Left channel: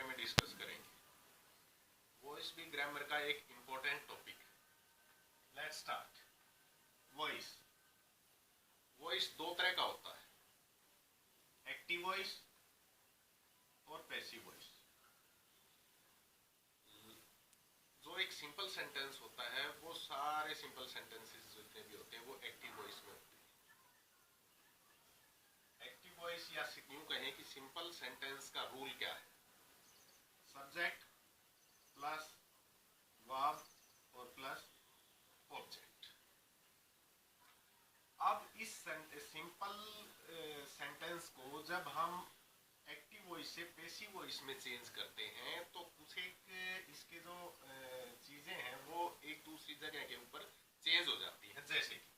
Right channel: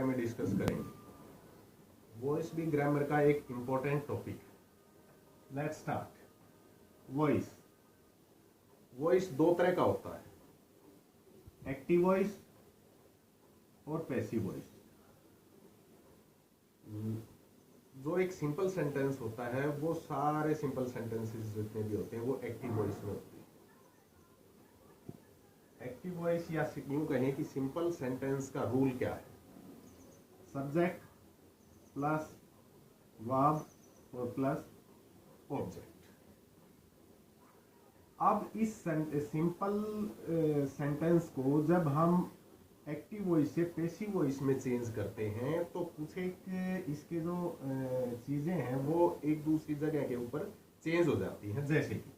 बारे में डिस्कस करेंगे। वॉइस भी ग्रामर का एक important topic. Let's start. Voice voice दो तरह का होता है, एक्टिव वॉइस और पैसिव वॉइस। जो एक सिंपल सेंटेंस होता है वो सारे सिंपल सेंटेंसेस जितने भी होते हैं वो एक्टिव वॉइस में होते हैं। एक्टिव वॉइस या यूं कहें कि सिंपल सेंटेंस का रूल क्या है, सब्जेक्ट प्लस वर्ब और प्लस ऑब्जेक्ट। अब इस सिंपल सेंटेंस को जब हम एक्टिव वॉइस से पैसिव वॉइस में चेंज करते हैं तो कुछ एक इसके जो चीजें हैं वो एक दूसरी जगह के ऊपर चेंज हो जाती हैं। जैसे कि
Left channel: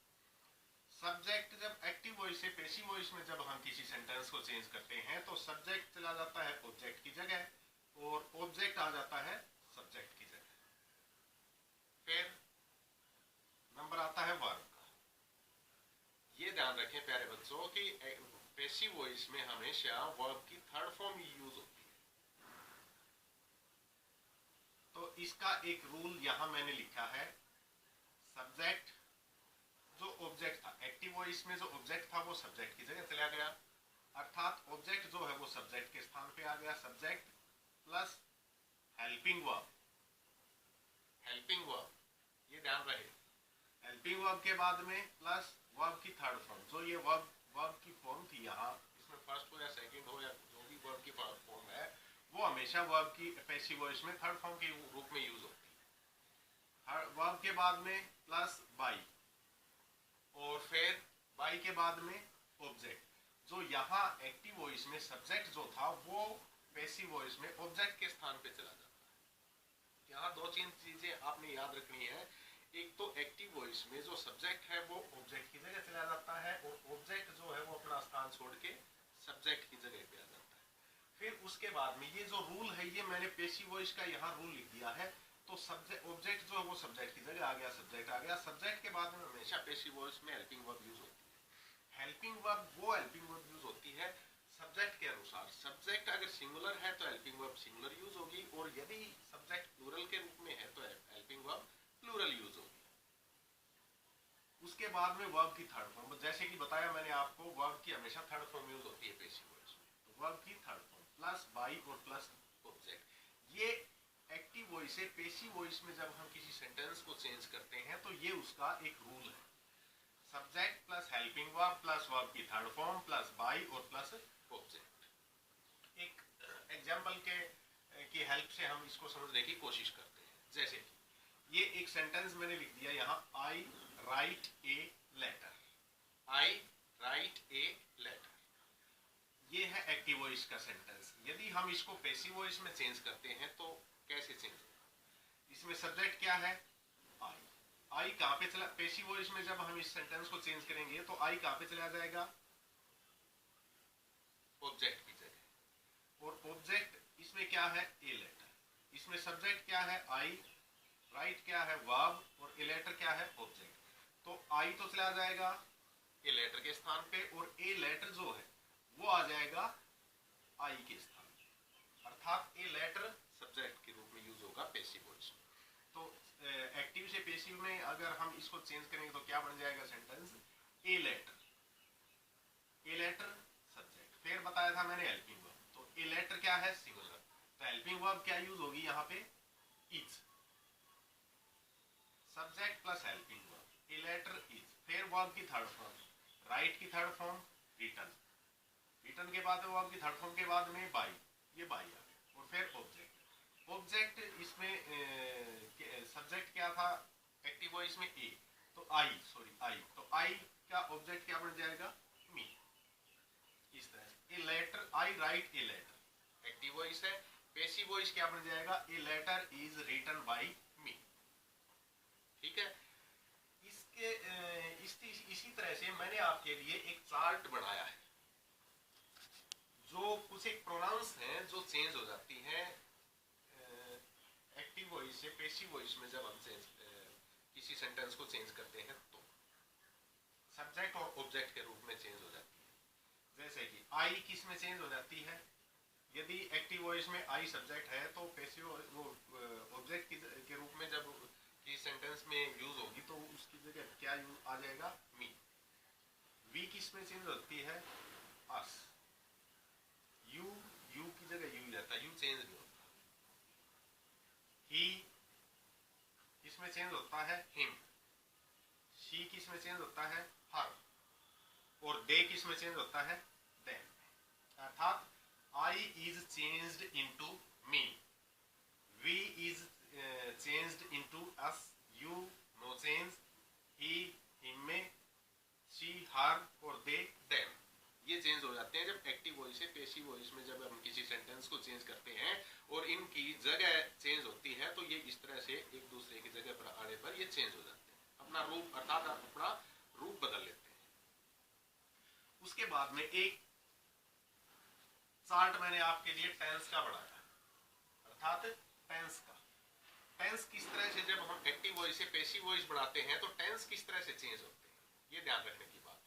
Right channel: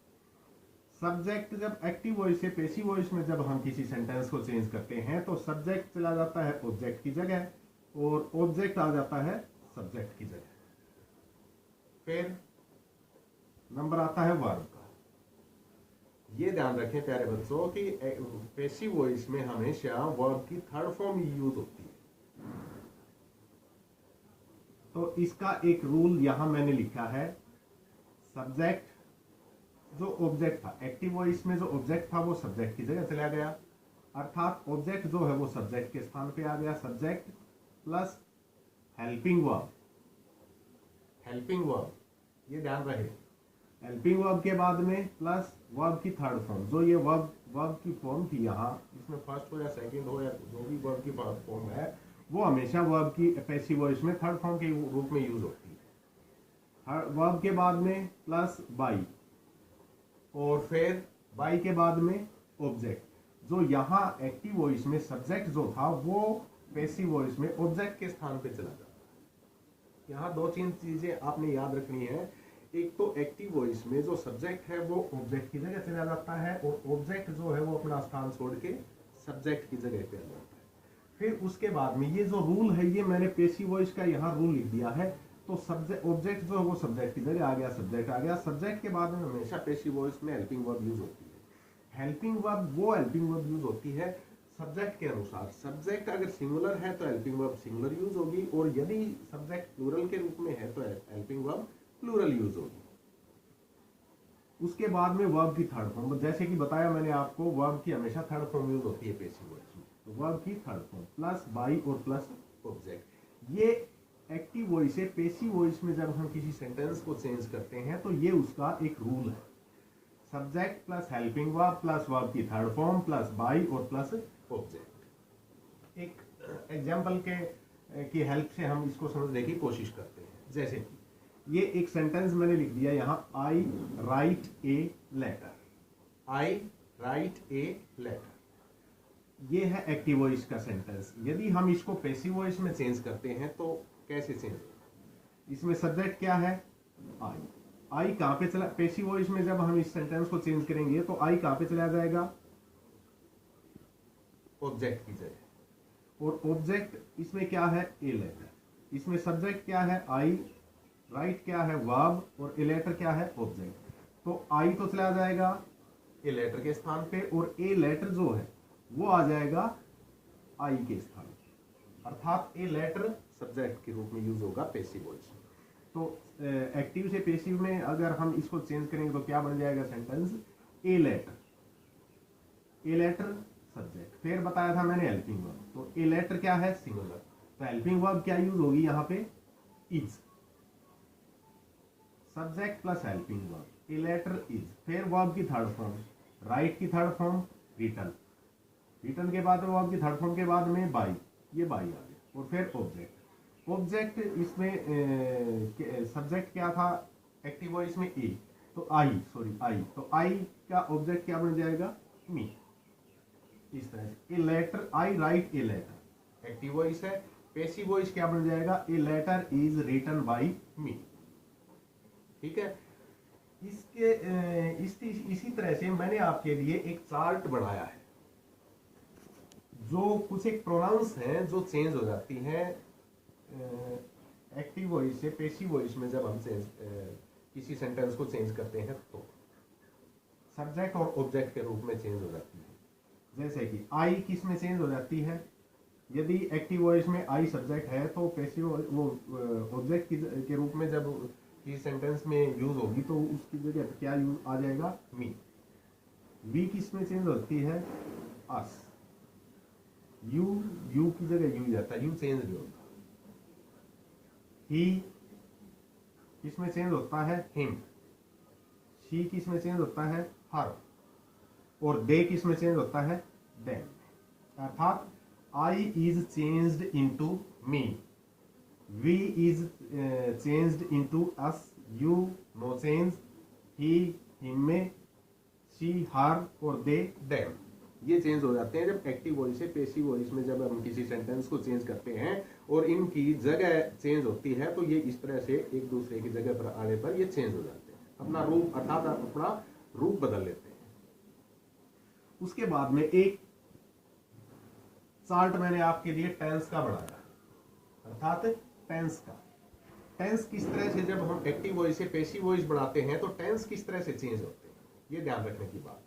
सब्जेक्ट जब एक्टिव वॉइस से पैसिव वॉइस में जब हम किसी सेंटेंस को चेंज करते हैं तो सब्जेक्ट चला जाता है ऑब्जेक्ट की जगह और ऑब्जेक्ट आ जाता है सब्जेक्ट की जगह। फिर नंबर आता है वर्ब का। ये ध्यान रखें प्यारे बच्चों कि पैसिव वॉइस में हमेशा वर्ब की थर्ड फॉर्म यूज होती है। तो इसका एक रूल यहां मैंने लिखा है, सब्जेक्ट जो ऑब्जेक्ट था, एक्टिव वॉइस में जो ऑब्जेक्ट था वो सब्जेक्ट की जगह चला गया, अर्थात ऑब्जेक्ट जो है वो सब्जेक्ट के स्थान पे आ गया। Subject plus helping verb, helping verb ये ध्यान रहे। हेल्पिंग वर्ब के बाद में प्लस वर्ब की थर्ड फॉर्म, जो ये वर्ब की फॉर्म थी यहाँ, इसमें फर्स्ट हो या सेकंड हो या जो भी वर्ब की फॉर्म है वो हमेशा वर्ब की पैसिव वॉइस में थर्ड फॉर्म के रूप में यूज होती है। वर्ब के बाद में प्लस बाई और फिर बाई के बाद में ऑब्जेक्ट। जो यहाँ एक्टिव वॉइस में सब्जेक्ट जो था वो पैसिव वॉइस में ऑब्जेक्ट के स्थान पे चला जाता है। यहाँ दो तीन चीजें आपने याद रखनी है। एक तो एक्टिव वॉइस में जो सब्जेक्ट है वो ऑब्जेक्ट की जगह चला जाता है और ऑब्जेक्ट जो है वो अपना स्थान छोड़ के सब्जेक्ट की जगह पे आ जाता है। फिर उसके बाद में ये जो रूल है ये मैंने पैसिव वॉइस का यहाँ रूल लिख दिया है। तो सब्जेक्ट ऑब्जेक्ट जो है वो सब्जेक्ट की जगह आ गया, सब्जेक्ट आ गया। सब्जेक्ट के बाद में हमेशा पैसिव वॉइस में हेल्पिंग वर्ब यूज होती है। हेल्पिंग वर्ब वो हेल्पिंग वर्ब यूज होती है सब्जेक्ट के अनुसार। सब्जेक्ट अगर सिंगुलर है तो हेल्पिंग वर्ब सिंगुलर यूज होगी और यदि सब्जेक्ट प्लूरल के रूप में है तो हेल्पिंग वर्ब प्लूरल यूज होगी। उसके बाद में वर्ब की थर्ड फॉर्म, जैसे कि बताया मैंने आपको, वर्ब की हमेशा थर्ड फॉर्म यूज होती है पैसिव वॉइस में। तो वर्ब की थर्ड फॉर्म प्लस बाई और प्लस ऑब्जेक्ट। ये एक्टिव वॉइस से पैसिव वॉइस में जब हम किसी सेंटेंस को चेंज करते हैं तो ये उसका एक रूल है, subject plus helping verb plus verb की थर्ड फॉर्म प्लस बाई और प्लस ऑब्जेक्ट। एक एग्जाम्पल की हेल्प से हम इसको समझने की कोशिश करते हैं। जैसे कि ये एक सेंटेंस मैंने लिख दिया यहाँ, I write a letter. I write a letter ये है एक्टिव वॉइस का सेंटेंस। यदि हम इसको पैसिव वॉइस में चेंज करते हैं तो कैसे चेंज होगा? इसमें सब्जेक्ट क्या है? आई। आई कहां पे चला? पैसिव वॉइस में जब हम इस सेंटेंस को चेंज करेंगे तो आई कहां पे चला जाएगा? ऑब्जेक्ट की जगह। और ऑब्जेक्ट इसमें क्या है? A letter. इसमें सब्जेक्ट क्या है? आई, राइट क्या है? वर्ब, और ए लेटर क्या है? ऑब्जेक्ट। तो आई तो चला जाएगा ए लेटर के स्थान पे और ए लेटर जो है वो आ जाएगा आई के स्थान पे, अर्थात ए लेटर सब्जेक्ट के रूप में यूज होगा पैसिव वॉइस में। तो एक्टिव से पैसिव में अगर हम इसको चेंज करेंगे तो क्या बन जाएगा sentence? A letter, a letter subject. फिर बताया था मैंने हेल्पिंग वर्ब, तो ए लेटर क्या है? सिंगुलर। तो हेल्पिंग वर्ब क्या यूज होगी यहाँ पे? Is. Subject plus helping verb, a letter is. फिर वर्ब की थर्ड फॉर्म, राइट की थर्ड फॉर्म रिटन। रिटन के बाद वर्ब की थर्ड फॉर्म के बाद में बाई, ये बाई आ गया। और फिर ऑब्जेक्ट। ऑब्जेक्ट इसमें सब्जेक्ट क्या था एक्टिव वॉइस में? ए। तो आई, सॉरी आई, तो आई का ऑब्जेक्ट क्या बन जाएगा? मी। इस तरह से a letter, I write a letter active voice है। पैसिव वॉइस क्या बन जाएगा? A letter is written by me. ठीक है। इसी तरह से मैंने आपके लिए एक चार्ट बनाया है जो कुछ एक प्रोनाउंस हैं जो चेंज हो जाती हैं एक्टिव वॉइस से पैसिव वॉइस में जब हम किसी सेंटेंस को चेंज करते हैं तो सब्जेक्ट और ऑब्जेक्ट के रूप में चेंज हो जाती है। जैसे कि आई किस में चेंज हो जाती है? यदि एक्टिव वॉइस में आई सब्जेक्ट है तो पैसिव वो ऑब्जेक्ट के रूप में जब किसी सेंटेंस में यूज होगी तो उसकी जगह क्या यूज आ जाएगा, मी। वी किस में चेंज होती है, अस। यू की जगह यू जाता है, यू चेंज नहीं होता। ही किस में चेंज होता है, हिम। शी किस में चेंज होता है, हर। और दे किस में चेंज होता है, देम। अर्थात I is changed into me, we is changed into us, you no change, he him में, शी हर और दे देम। ये चेंज हो जाते हैं जब एक्टिव वॉइस से पैसिव वॉइस में जब हम किसी सेंटेंस को चेंज करते हैं और इनकी जगह चेंज होती है तो ये इस तरह से एक दूसरे की जगह पर आने पर ये चेंज हो जाते हैं, अपना रूप अर्थात अपना रूप बदल लेते हैं। उसके बाद में एक चार्ट मैंने आपके लिए टेंस का बनाया, अर्थात टेंस का। टेंस किस तरह से जब हम एक्टिव वॉइस से पैसिव वॉइस बढ़ाते हैं तो टेंस किस तरह से चेंज होते हैं, ये ध्यान रखने की बात।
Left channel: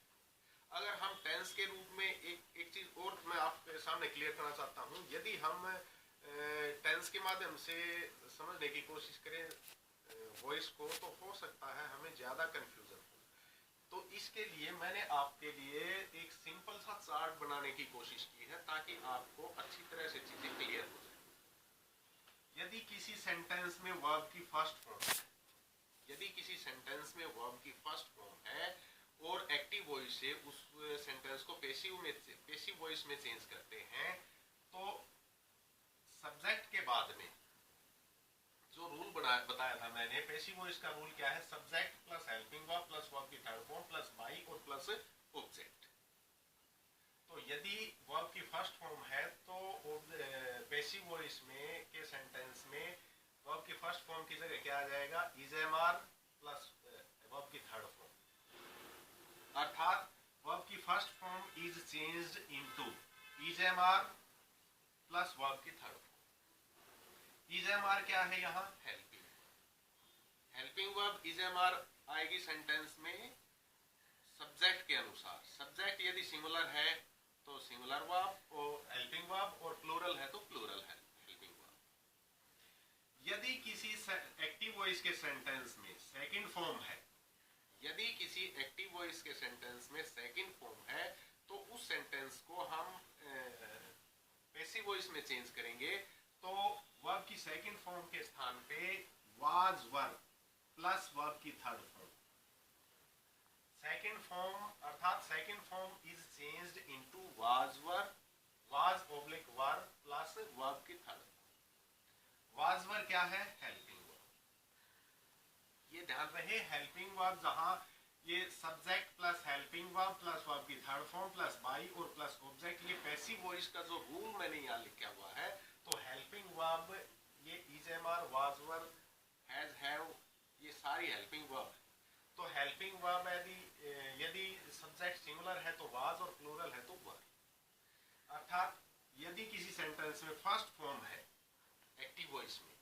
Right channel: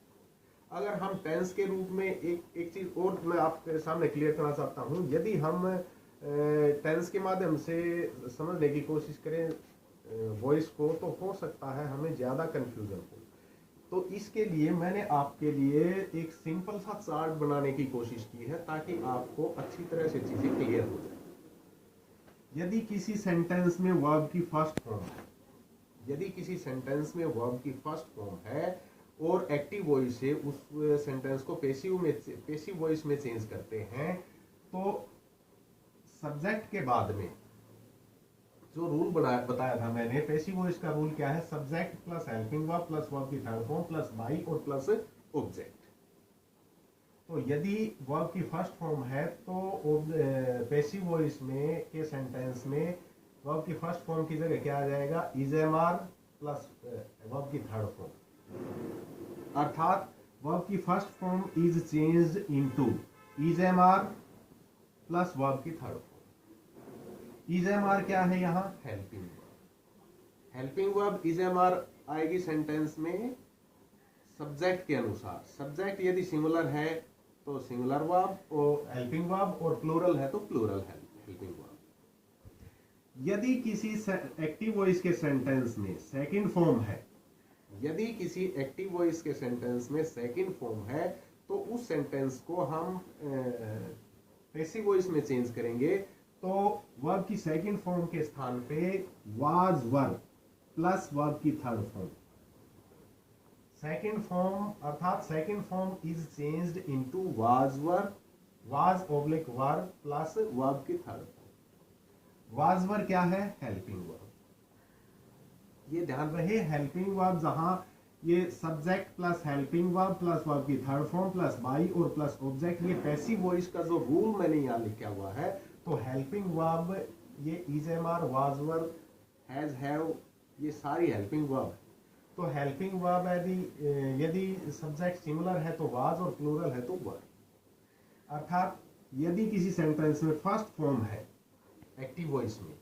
अगर हम टेंस के रूप में एक चीज और मैं आपके सामने क्लियर करना चाहता हूं, यदि हम टेंस के माध्यम से समझने की कोशिश करें वॉइस को तो हो सकता है हमें ज्यादा कंफ्यूजन हो। तो इसके लिए मैंने आपके लिए एक सिंपल सा चार्ट बनाने की कोशिश की है ताकि आपको अच्छी तरह से चीजें क्लियर हो जाए। यदि किसी सेंटेंस में वर्ब की फर्स्ट फॉर्म है, यदि किसी सेंटेंस में वर्ब की फर्स्ट फॉर्म है और एक्टिव वॉइस से उस सेंटेंस को पैसिव वॉइस में चेंज करते हैं तो सब्जेक्ट के बाद में जो रूल बताया था मैंने, पैसिव वॉइस का रूल क्या है, subject plus helping verb plus verb की थर्ड फॉर्म प्लस बाई और प्लस ऑब्जेक्ट। तो यदि वर्ब की फर्स्ट फॉर्म है तो पैसिव वॉइस में के सेंटेंस में वर्ब की फर्स्ट फॉर्म की जगह क्या आ जाएगा, is am are plus verb की थर्ड फॉर्म। अर्थात वर्ब की first form is changed into is am are plus verb की third form. Is am are क्या है यहाँ, helping verb. Helping verb is am are आएगी सेंटेंस में subject के अनुसार। सब्जेक्ट यदि सिंगुलर है तो सिंगुलर वर्ब और हेल्पिंग वर्ब, और प्लूरल है तो प्लूरल हेल्पिंग वर्ब। यदि किसी एक्टिव वॉइस के सेंटेंस में सेकंड फॉर्म है, यदि किसी एक्टिव वॉइस के सेंटेंस में सेकंड फॉर्म है तो उस सेंटेंस को हम पैसिव वॉइस में चेंज करेंगे तो वर्ब की सेकंड फॉर्म के स्थान पे वाज वर्ब प्लस वर्ब की थर्ड फॉर्म। सेकंड फॉर्म अर्थात second form is changed into was verb, was oblique verb plus verb की थर्ड फॉर्म। वाज वर्ब क्या है, हेल्पिंग वर्ब। ये ध्यान रहे, हेल्पिंग वर्ब जहां ये subject plus helping verb plus verb की थर्ड फॉर्म प्लस बाई और प्लस ऑब्जेक्ट, ये पैसिव वॉइस का जो रूल मैंने यहाँ लिखा हुआ है। तो हेल्पिंग वर्ब ये is am are was verb has have, ये सारी हेल्पिंग वर्ब है। तो हेल्पिंग वर्ब यदि सब्जेक्ट सिंगुलर है तो वाज और प्लूरल है तो वर। अर्थात यदि किसी सेंटेंस में फर्स्ट फॉर्म है एक्टिव वॉइस में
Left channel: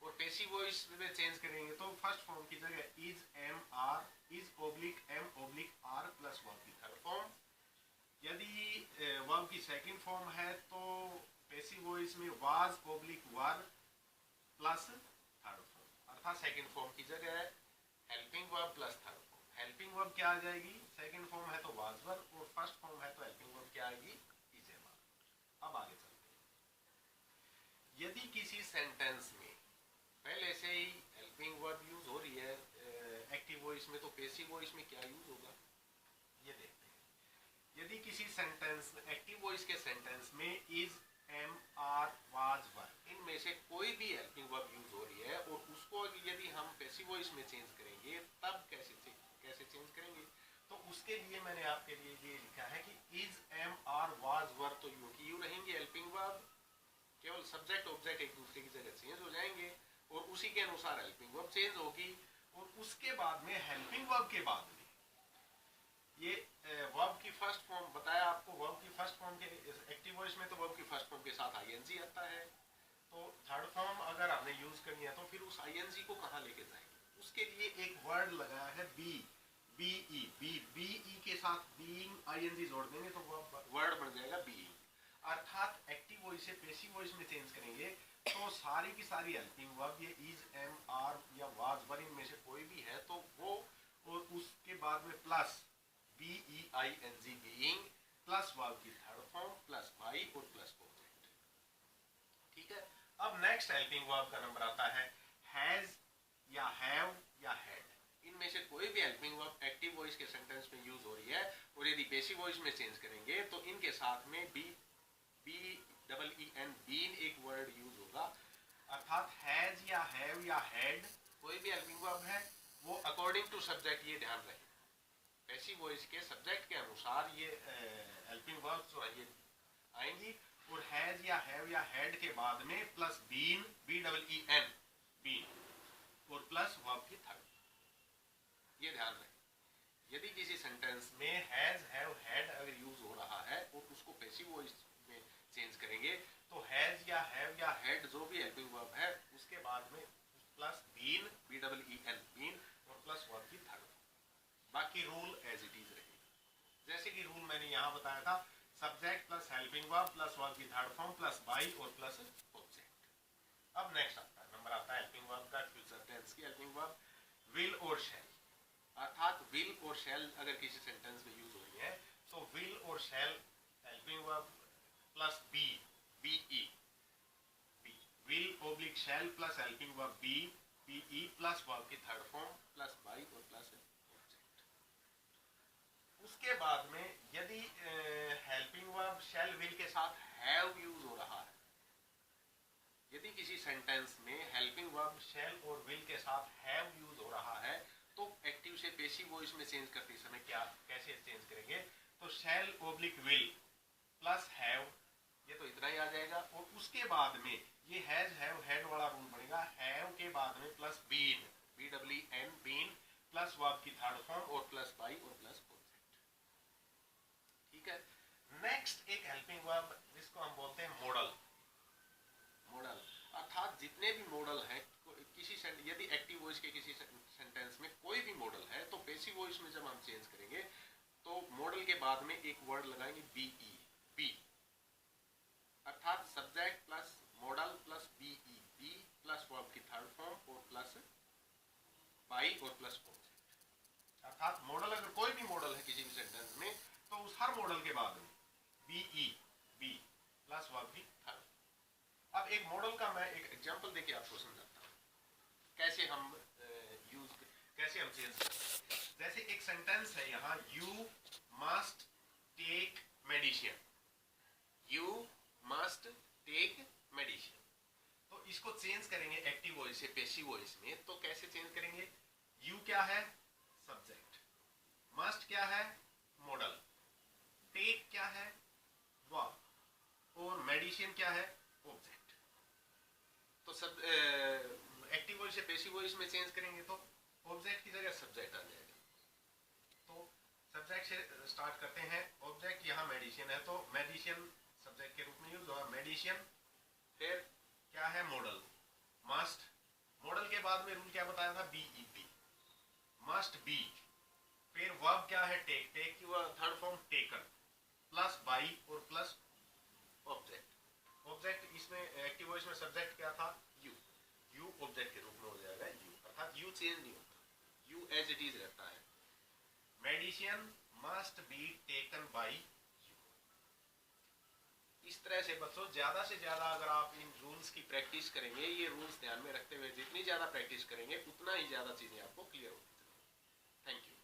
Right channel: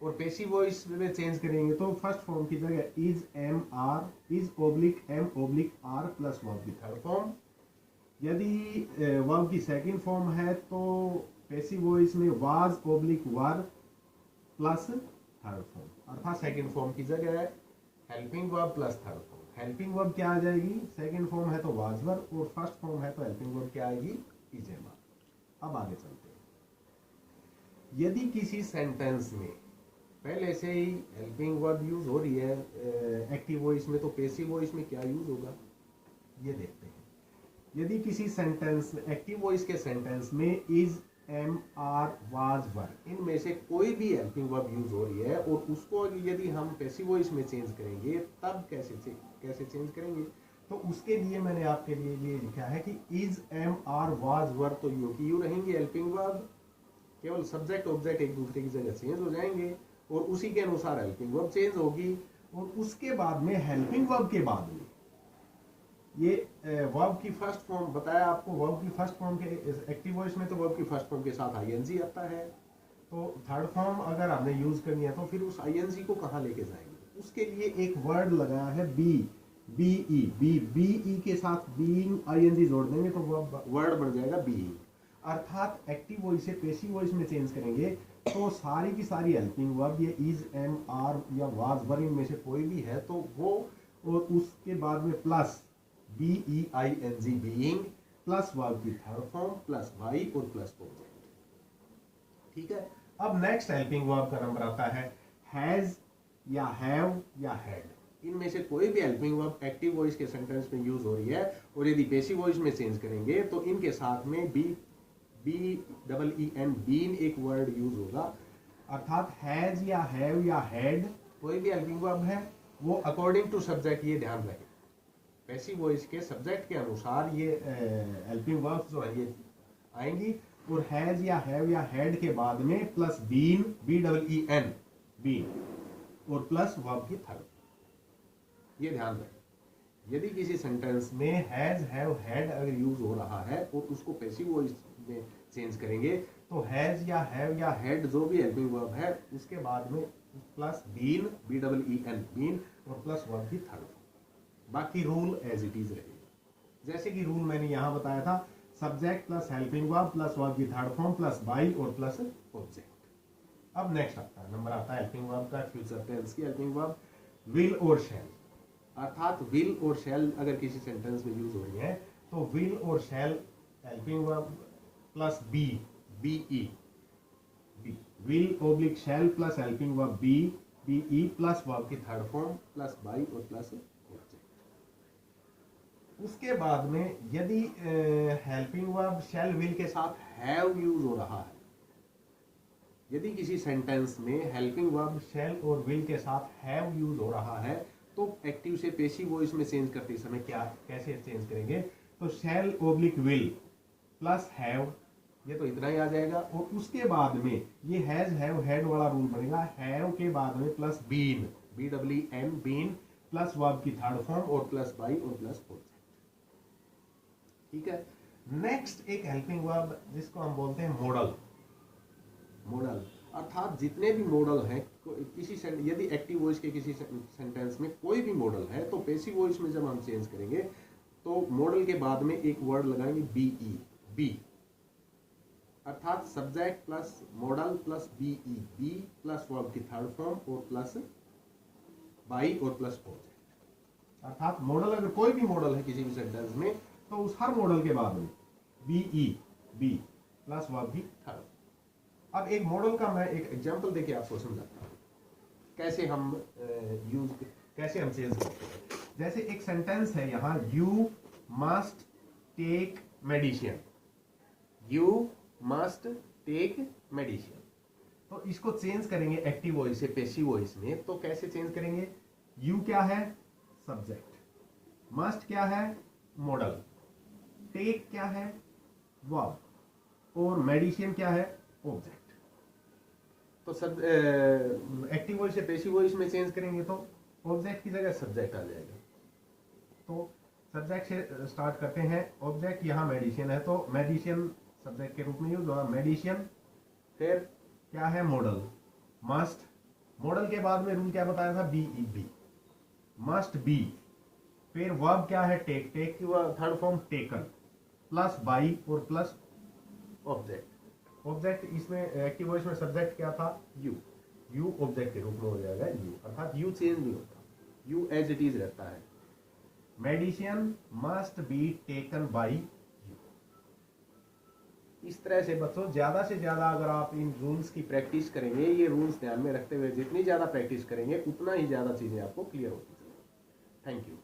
और पैसिव वॉइस में चेंज करेंगे तो फर्स्ट फॉर्म की जगह is am are, is oblique am oblique are plus verb की थर्ड फॉर्म। यदि वर्ब की सेकंड फॉर्म है तो पैसिव वॉइस में was oblique were plus third form, अर्थात सेकंड फॉर्म की जगह है helping verb plus third form. Helping verb क्या आ जाएगी, सेकंड फॉर्म है तो वाज वर्ब और फर्स्ट फॉर्म है तो हेल्पिंग वर्ब क्या आएगी, इज एम आर। अब आगे चलते हैं। यदि किसी सेंटेंस में पहले से ही हेल्पिंग वर्ब यूज हो रही है एक्टिव वॉइस में तो पैसिव वॉइस में क्या यूज होगा, ये देखते हैं। यदि किसी सेंटेंस एक्टिव वॉइस के सेंटेंस में is am are was were, इनमें से कोई भी हेल्पिंग वर्ब यूज हो रही है और उसको यदि हम पैसिव वॉइस में चेंज करेंगे तब कैसे चेंज करेंगे, तो उसके लिए मैंने आपके लिए ये लिखा है कि is am are was were तो यू की यू रहेंगी हेल्पिंग वर्ब, केवल सब्जेक्ट ऑब्जेक्ट एक दूसरे की जगह चेंज हो जाएंगे और उसी के अनुसार हेल्पिंग वर्ब चेंज होगी। और उसके बाद में हेल्पिंग वर्ब के बाद में ये वर्ब की फर्स्ट फॉर्म बताया आपको, वर्ब की फर्स्ट फॉर्म के एक्टिव वॉइस में तो वर्ब की फर्स्ट फॉर्म के साथ आईएनजी आता है। तो थर्ड फॉर्म अगर हमने यूज करनी है तो फिर उस आईएनजी को कहाँ लेके जाएंगे, उसके लिए एक वर्ड लगाया है बी ई के साथ बीइंग आईएनजी जोड़ देंगे तो वर्ड बन जाएगा बीइंग। अर्थात एक्टिव वॉइस से पेसिव वॉइस में चेंज करेंगे तो सारी की सारी हेल्पिंग वर्ब ये इज, एम, आर या वाज, वर इनमें से कोई भी है तो वो, और उसके बाद में plus B E I N G being plus verb की थर्ड फॉर्म प्लस वाई और प्लस ऑब्जेक्ट। ठीक है। अब नेक्स्ट हेल्पिंग वर्ब का नंबर आता है हैज या हैव या हैड। इनमें से कोई भी हेल्पिंग वर्ब एक्टिव वॉइस के सेंटेंस में यूज हो रही है और यदि पैसिव वॉइस में चेंज करेंगे तो इनके साथ में BEEN बीन एक वर्ड यूज होगा। अर्थात हैज या हैव या हैड कोई भी हेल्पिंग वर्ब है वो अकॉर्डिंग टू सब्जेक्ट, ये ध्यान रहे, पैसिव वॉइस के सब्जेक्ट के अनुसार ये हेल्पिंग वर्ब जो है ये आएंगी। और हैज या हैव या हैड के बाद में प्लस बीन, BEEN बीन और प्लस वर्ब की थर्ड, ये ध्यान रहे। यदि किसी सेंटेंस में हैज, हैव, हैड अगर यूज हो रहा है और उसको पैसिव वॉइस में चेंज करेंगे तो हैज या हैव या हैड जो भी हेल्पिंग वर्ब है उसके बाद में प्लस बीन, BEEN बीन और प्लस वर्ब की थर्ड। बाकी रूल एज इट इज रहेगा। जैसे कि रूल मैंने यहां बताया था, subject plus helping verb plus verb की थर्ड फॉर्म प्लस बाई और प्लस ऑब्जेक्ट। अब नेक्स्ट आता है नंबर आता है हेल्पिंग वर्ब का, फ्यूचर टेंस की हेल्पिंग वर्ब विल और शैल। अर्थात विल और शैल अगर किसी सेंटेंस में यूज हो रही है तो विल और shall helping verb plus be, BE be, will oblique shall plus helping verb be, BE plus verb की थर्ड फॉर्म प्लस बाई और प्लस ऑब्जेक्ट। उसके बाद में यदि हेल्पिंग वर्ब शैल विल के साथ हैव यूज हो रहा है, यदि किसी सेंटेंस में हेल्पिंग वर्ब शैल और विल के साथ हैव यूज हो रहा है तो एक्टिव से पैसिव वॉइस में चेंज करते समय क्या कैसे चेंज करेंगे, तो शैल ओब्लिक विल प्लस हैव, ये तो इतना ही आ जाएगा। और उसके बाद में ये हैज, हैव, हैड वाला रूल बनेगा, हैव के बाद में plus been, BEEN been plus verb की थर्ड फॉर्म और प्लस बाई और प्लस ऑब्जेक्ट। ठीक है। नेक्स्ट एक हेल्पिंग वर्ब जिसको हम बोलते हैं मॉडल। मॉडल अर्थात जितने भी मॉडल हैं किसी यदि एक्टिव वॉइस के किसी सेंटेंस में कोई भी मॉडल है तो पैसिव वॉइस में जब हम चेंज करेंगे तो मॉडल के बाद में एक वर्ड लगाएंगे BE बी, अर्थात subject plus modal plus BE be plus verb की थर्ड फॉर्म और प्लस बाई और प्लस ऑब्जेक्ट। अर्थात मॉडल अगर कोई भी मॉडल है किसी भी सेंटेंस में तो उस हर मॉडल के बाद में BE बी प्लस वर्ब की थर्ड। अब एक मॉडल का मैं एक एग्जांपल देके आपको समझाता हूँ कैसे हम कैसे हम चेंज करते हैं। जैसे एक सेंटेंस है यहाँ, you must take medicine, you must take medicine, तो इसको चेंज करेंगे एक्टिव वॉइस से पैसिव वॉइस में। तो कैसे चेंज करेंगे, यू क्या है सब्जेक्ट, मस्ट क्या है मॉडल, टेक क्या है वर्ब और मेडिसिन क्या है ऑब्जेक्ट। तो सब एक्टिव वॉइस से पैसिव वॉइस में चेंज करेंगे तो ऑब्जेक्ट की जगह सब्जेक्ट आ जाएगा। तो सब्जेक्ट से स्टार्ट करते हैं, ऑब्जेक्ट यहाँ मेडिसिन है तो मेडिसिन सब्जेक्ट के रूप में यूज होगा मेडिसिन। फिर क्या है मॉडल, मस्ट, मॉडल के बाद में रूल क्या बताया था BE बी, मस्ट बी। फिर वर्ब क्या है टेक, टेक की third form taken plus by और प्लस ऑब्जेक्ट। ऑब्जेक्ट इसमें एक्टिव वॉइस में सब्जेक्ट क्या था यू, यू ऑब्जेक्ट के रूप में हो जाएगा यू, अर्थात यू चेंज नहीं होता, यू एज इट इज रहता है। Medicine must be taken by you. इस तरह से बच्चों ज्यादा से ज्यादा अगर आप इन रूल्स की प्रैक्टिस करेंगे, ये रूल्स ध्यान में रखते हुए जितनी ज्यादा प्रैक्टिस करेंगे उतना ही ज्यादा चीजें आपको क्लियर होती चलेंगी। Thank you.